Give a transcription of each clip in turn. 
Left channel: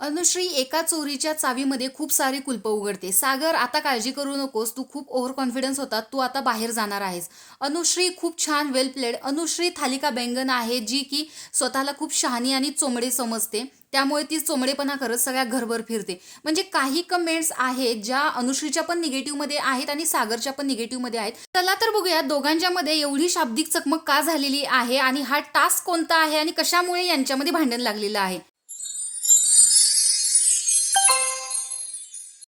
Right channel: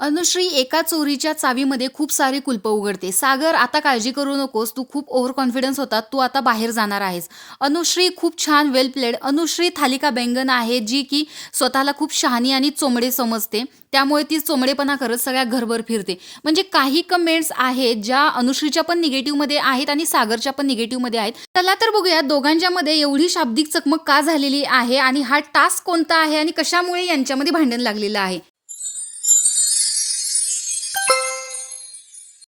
अनुश्री एका चोरीच्या चावीमध्ये खूप सारी कुलपं उघडते. सागर, आता काळजी करू नकोस. तू खूप ओव्हर कॉन्फिडन्स होता. तू आता बाहेर जाणार आहेस. अनुश्री खूप छान, वेल प्लेड. अनुश्री थालिका बेंगन आहे, जी की स्वतःला खूप शहाणी आणि चोमडे समजते. त्यामुळे ती चोमडेपणा करत सगळ्या घरभर फिरते. म्हणजे काही कमेंट्स आहेत ज्या अनुश्रीच्या पण निगेटिव्हमध्ये आहेत आणि सागरच्या पण निगेटिव्हमध्ये आहेत. चला तर बघूया दोघांच्या मध्ये एवढी शाब्दिक चकमक का झालेली आहे आणि हा टास्क कोणता आहे आणि कशामुळे यांच्यामध्ये भांडण लागलेलं आहे.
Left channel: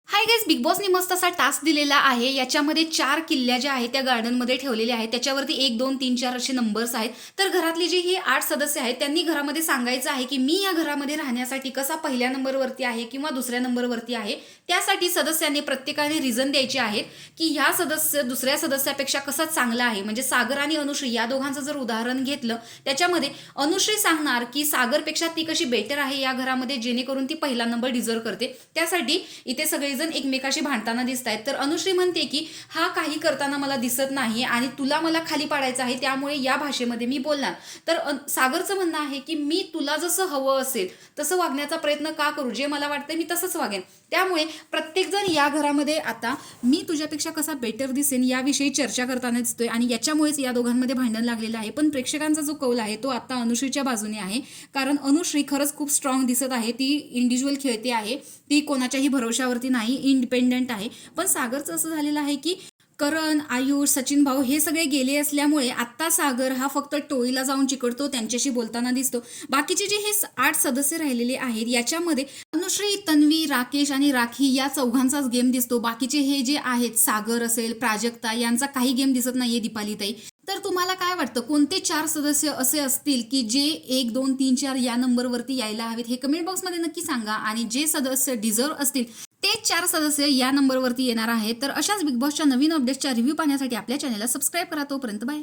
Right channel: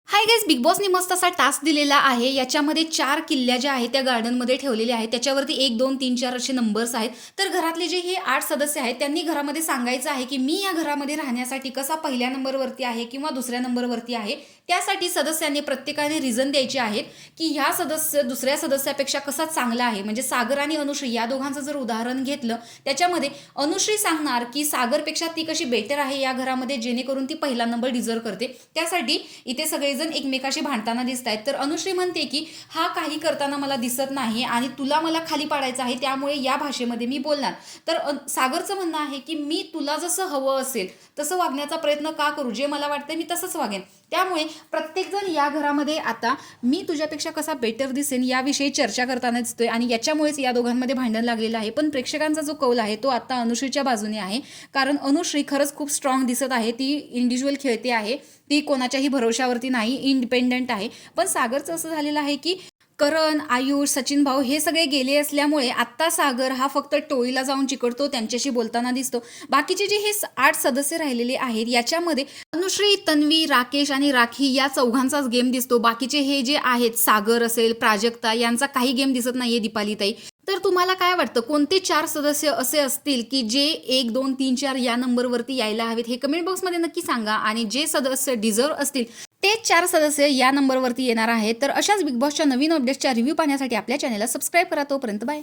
हाय गाईज, बिग बॉसनी मस्त असा टास्क दिलेला आहे. याच्यामध्ये 4 किल्ल्या ज्या आहेत त्या गार्डनमध्ये ठेवलेल्या आहेत. त्याच्यावरती 1, 2, 3, 4 असे नंबर्स आहेत. तर घरातले जे हे 8 सदस्य आहेत त्यांनी घरामध्ये सांगायचं आहे की मी या घरामध्ये राहण्यासाठी कसा पहिल्या नंबरवरती आहे किंवा दुसऱ्या नंबरवरती आहे. त्यासाठी सदस्यांनी प्रत्येकाने रिझन द्यायचे आहेत की ह्या सदस्य दुसऱ्या सदस्यापेक्षा कसा चांगला आहे. म्हणजे सागर आणि अनुश्री या दोघांचं जर उदाहरण घेतलं, त्याच्यामध्ये अनुश्री सांगणार की सागरपेक्षा ती कशी बेटर आहे या घरामध्ये, जेणेकरून ती पहिला नंबर डिझर्व करते. त्यासाठी इथे सगळेजण एकमेकाशी भांडताना दिसत आहेत. तर अनुश्री म्हणते की हा काही करताना मला दिसत नाही आणि तुला मला खाली पाडायचं आहे, त्यामुळे या भाषेमध्ये मी बोलणार. तर सागरचं म्हणणं आहे की मी तुला जसं हवं असेल तसं वागण्याचा प्रयत्न का करू, जे मला वाटतं मी तसंच वागेन. त्यामुळे प्रत्येकजण या घरामध्ये आता मी तुझ्यापेक्षा कसा बेटर दिसेन याविषयी चर्चा करताना दिसतोय आणि याच्यामुळेच या दोघांमध्ये भांडण लागलेलं आहे. पण प्रेक्षकांचा जो कौल आहे तो आता अनुश्रीच्या बाजूने आहे. कारण अनुश्री खरंच खूप स्ट्रॉंग दिसत आहे. ती इंडिव्हिज्युअल खेळते आहे. ती कोणाच्याही भरोशावरती नाही, इंडिपेंडंट आहे. पण सागरचं असं झालेलं आहे की करण, आयुष, सचिन भाऊ हे सगळे गेले असल्यामुळे आत्ता सागर हा फक्त टोळीला जाऊन चिकटतो, त्यांच्याशी बोलताना दिसतो. बाकीचे जे हे 8 सदस्य राहिलेले आहेत याच्यामध्ये अनुश्री, तन्वी, राकेश आणि राखी या चौघांचाच गेम दिसतो. बाकीचे हे जे आहेत सागर असेल, प्राजक्ता यांचा काही गेम दिसत नाहीये, दीपालीताई. तर तुम्हाला काय वाटतं, कोणते 4 सदस्य असे असतील की जे 1, 2, 3, 4 या नंबरवरती यायला हवेत? हे कमेंट बॉक्समध्ये नक्की सांगा. आणि जे सदस्य डिझर्व असतील ते 4 सदस्य या नंबरवरती येणार आहेत. तर अशाच बिग बॉसच्या नवीन अपडेट्सच्या रिव्ह्यू पाहण्यासाठी आपल्या चॅनलला सबस्क्राईब करा. तोपर्यंत बाय.